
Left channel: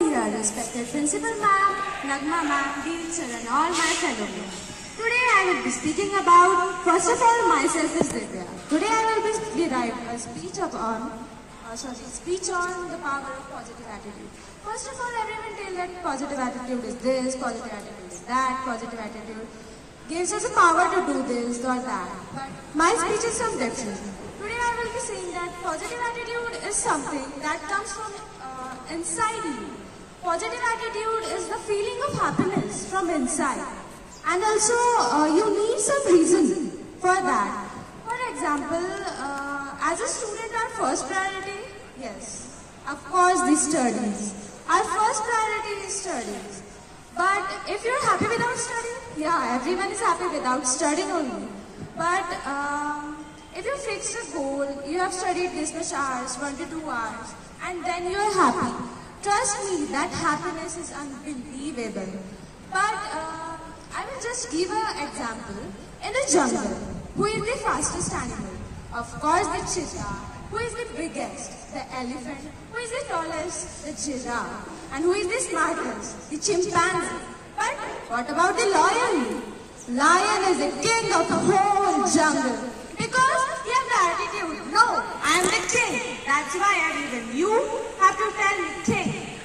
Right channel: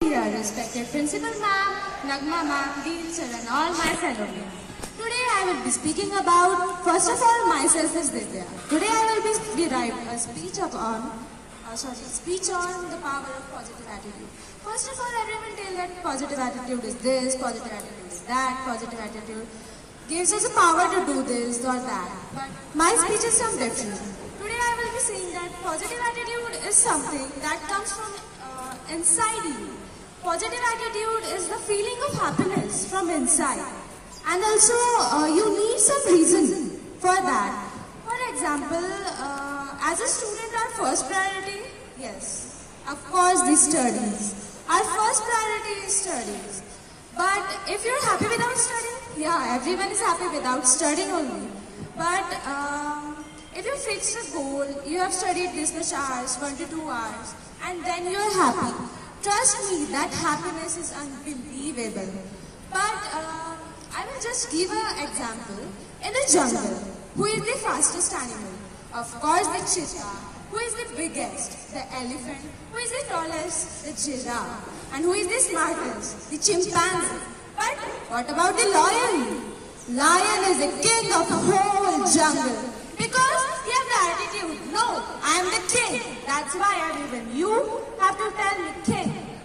Dear respected Principal Ma'am, Nagma Ma'am, Dean Sir and all my fellow men. Today I will be speaking about, first of all, myself is Vidya. Today I will be deriving a speech on the power of positive attitude. First of all, everyone tell that positive attitude is this, positive attitude is that, positive attitude gives us the power to do this or that. But my speech is some different. Today I will be saying that positive attitude is something that comes from inside you. Positive attitude is the feeling of happiness from inside. And also, you need some reason for that. For example, as a student, our first priority, yes, of course, the studies. Our first priority is studies. But if you're happy without studying, yeah, everyone is happy without studying only. But if you fixed a goal, you have studied this much hours, 1 to 2 hours, and then you're happy. Trust me, that happiness is unbelievable. But I will just give an example. In the jungle, who is the fastest animal? Of course, the cheetah. Who is the biggest? The elephant. Who is the tallest? The giraffe. And who is the smartest? The chimpanzee. But what about the lion? Lion is the king of the whole jungle. Because he has the attitude, no, I am the king. That's why even you have to tell me king.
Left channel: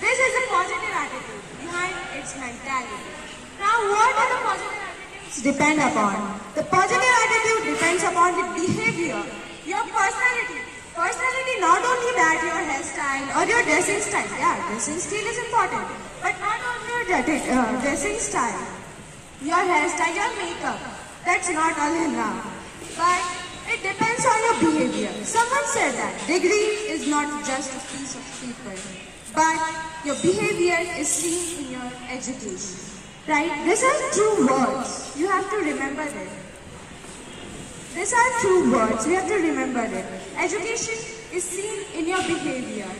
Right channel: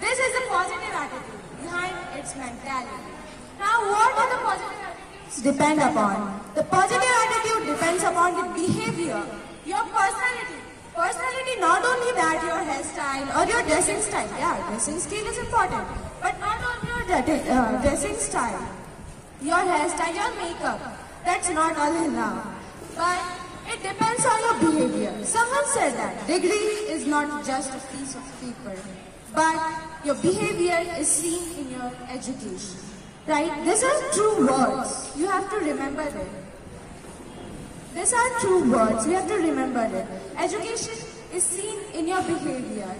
This is the positive attitude behind its mentality. Now, what are the positive attitudes depend upon? The positive attitude depends upon the behavior, your personality. Personality, not only that, your hairstyle or your dressing style. Yeah, dressing style is important. But not only your dressing style, your hairstyle, your makeup. That's not all enough. But it depends on your behavior. Someone said that degree is not just a piece of paper, but your behavior is seen in your education. Right? These are true words. You have to remember it. These are true words. You have to remember it. Education is seen in your behavior.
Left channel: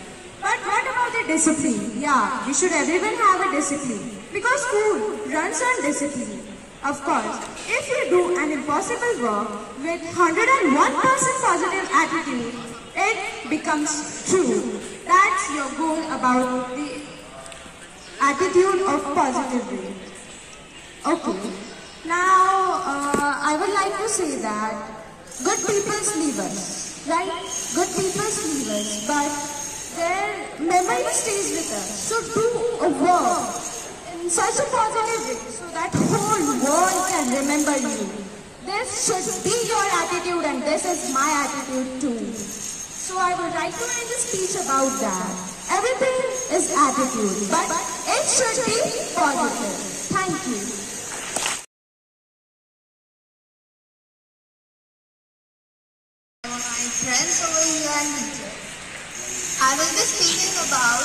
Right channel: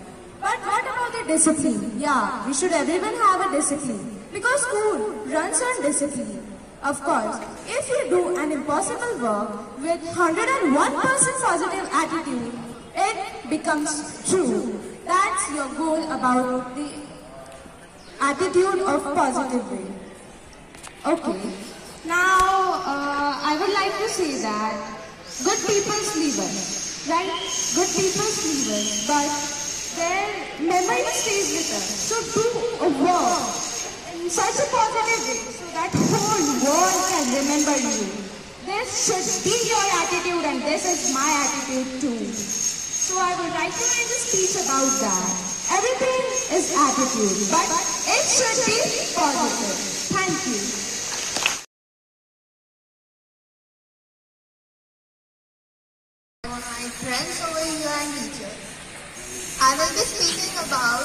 But what about the discipline? Yeah, we should everyone have a discipline. Because school runs on discipline. Of course, if you do an impossible work with 101% positive attitude, it becomes true. That's your goal about the attitude of positivity. Okay. Now, I would like to say that good people leave us, right? Good people leave us, but their memory stays with us. So do a work in such a positive way so that whole whole world can remember you. This should be your attitude and this is my attitude too. So I would like to end a speech about that. Everything is attitude, but it should be positive. Thank you. My friends over here and teachers, I will be speaking about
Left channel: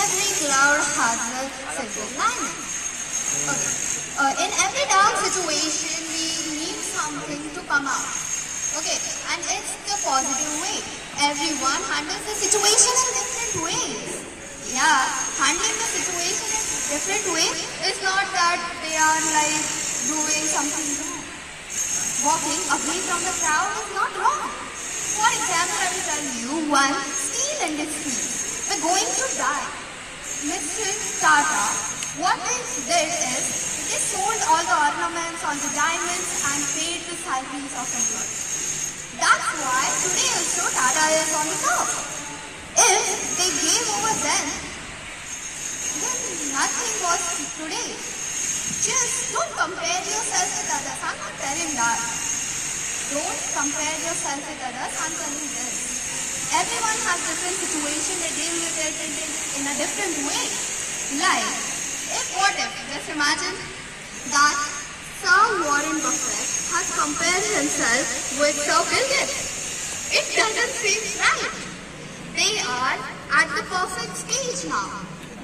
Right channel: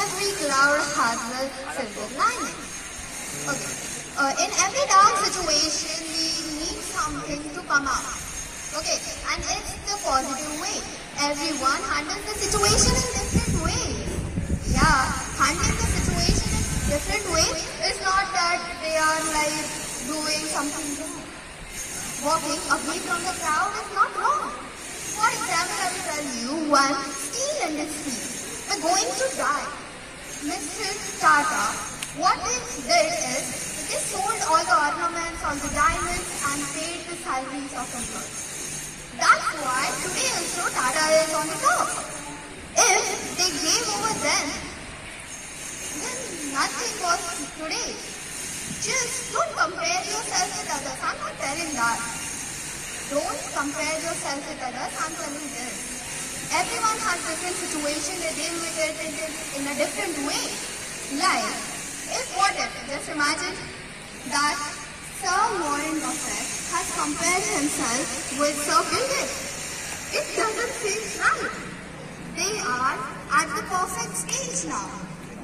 every cloud has a silver lining. Okay. In every dark situation, we need something to come out. Okay, and it's the positive way. Everyone handles the situation in different ways. Yeah, handling the situation in different ways is not that they are like doing something wrong. Walking away from the crowd is not wrong. For example, I will tell you one steel industry. They're going to die. Mr. Tata, what they did is, they sold all the ornaments, all the diamonds and paid the salaries of employees. That's why today also Tata is on the top. If they gave over then nothing was today. Just don't compare yourself with others. I'm not telling that. Don't compare yourself with others. I'm telling this. Everyone has different situation. They deal with it in a different way. Like, just imagine that Sir Warren Buffett has compared himself with Sir Bill Gates. It doesn't seem right. They are at the perfect stage now.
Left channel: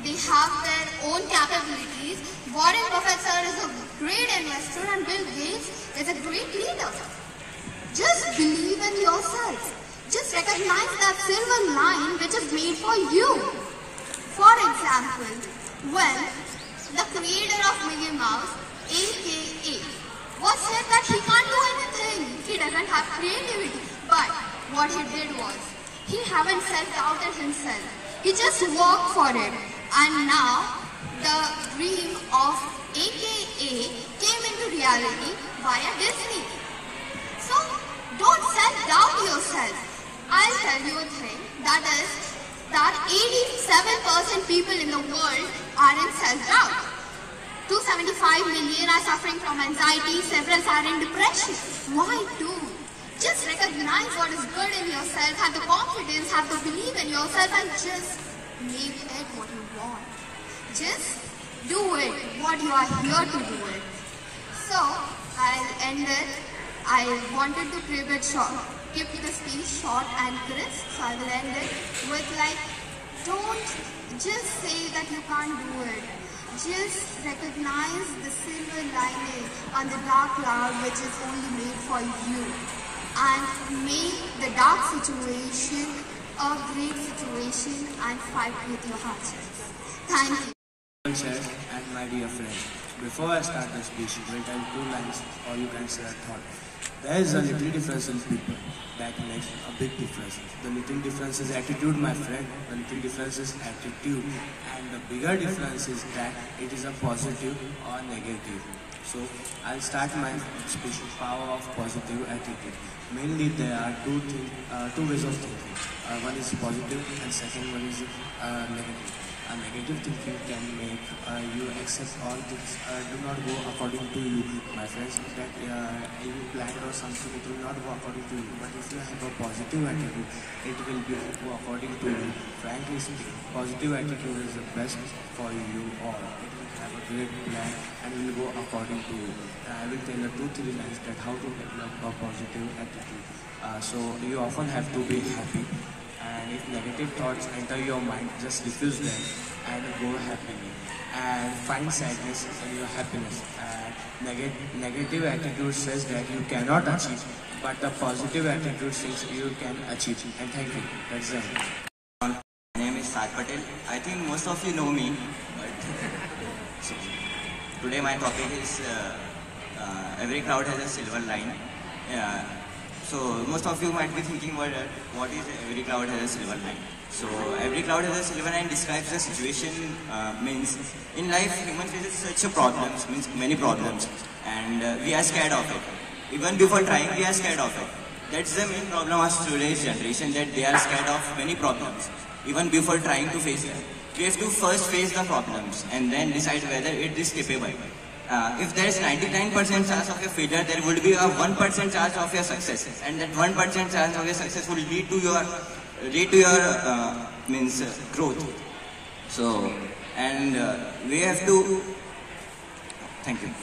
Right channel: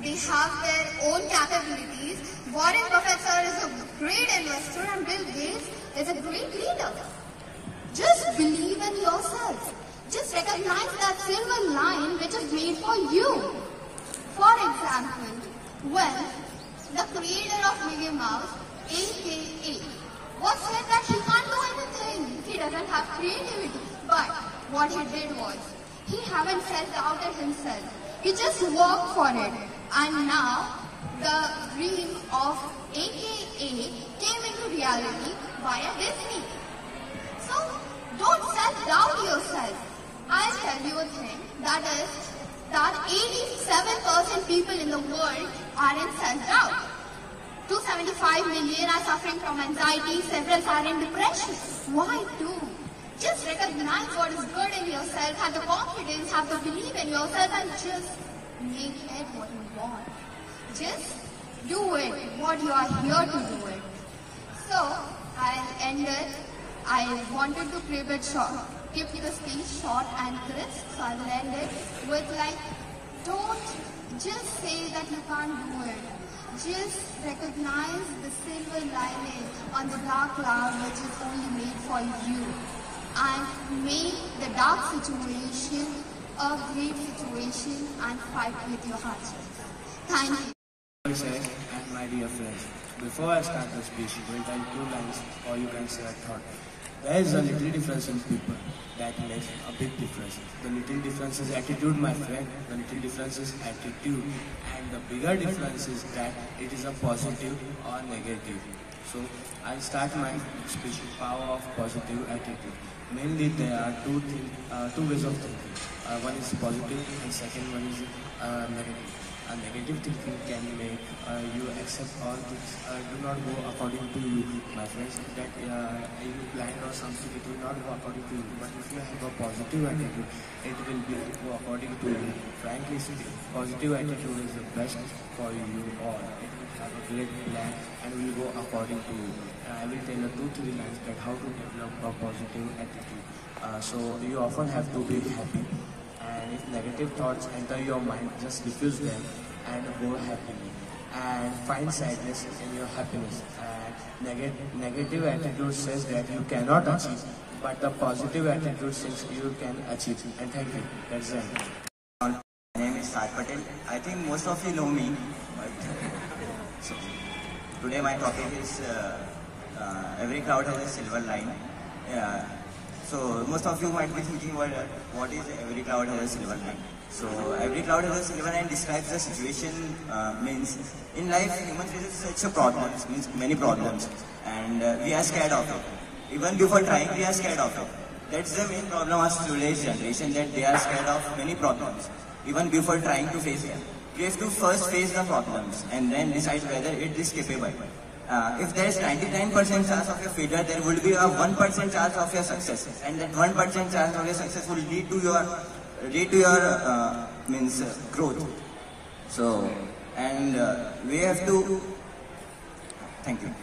They have their own capabilities. Warren Buffett sir is a great investor and Bill Gates is a great leader. Just believe in yourself. Just recognize that silver line which is made for you. For example, when the creator of Mickey Mouse, aka, was said that he can't do anything. He doesn't have creativity. But what he did was, he haven't self-doubted himself. He just worked for it. And now, the dream of aka came into reality via Disney. So, don't self-doubt yourself. I'll tell you a thing, that is, that 87% people in the world are in self-doubt. 275 million are suffering from anxiety, several are in depression. Why do? Just recognize what is good in yourself, have the confidence, have the belief in yourself and just make it what you want. Just do it, what you are here to do it. So, I'll end it. I wanted to keep it short, keep the speech short and crisp, so I will end it with like, don't just say that you can't do it. Just recognize the silver lining on the dark cloud which is only made for you. And make the dark situation a great situation and fight with your hardships. Thank you. And my dear friend, before I start the speech, you will tell 2 lines or you can say a thought. There is a little difference in people that makes a big difference. The little difference is attitude, my friend. The little difference is attitude. And the bigger difference is that it is a positive or negative. So, I'll start my speech with power of positive attitude. Mainly there are two ways of thinking. One is positive and second one is negative. A negative thinking can make you accept all things do not go according to you, my friends. That you planned or something, it will not go according to you. But if you have a positive attitude, it will go according to you. Frankly speaking, positive attitude is the best for you all. It will have a great plan and will go according to you. I will tell you 2-3 lines that how to develop a positive attitude. So you often have to be happy. And if negative thoughts enter your mind, just refuse them and go happily. And find sadness in your happiness. And negative attitude says that you cannot achieve, but the positive attitude says you can achieve. And thank you. That's it. My name is Sat Patel. I think most of you know me, but so, today my topic is every cloud has a silver line. So most of you might be thinking, what is every cloud has a silver line? So every cloud has a silver line describes the situation, means in life human faces such a problems, means many problems, and we are scared of it. Even before trying, we are scared of it. That's the main problem of today's generation, that they are scared of many problems. Even before trying to face them, we have to first face the problems and then decide whether it is capable. if there is 99% chance of your failure, there would be a 1% chance of your success, and that 1% chance of your success will lead to your growth. So, and we have to. Thank you.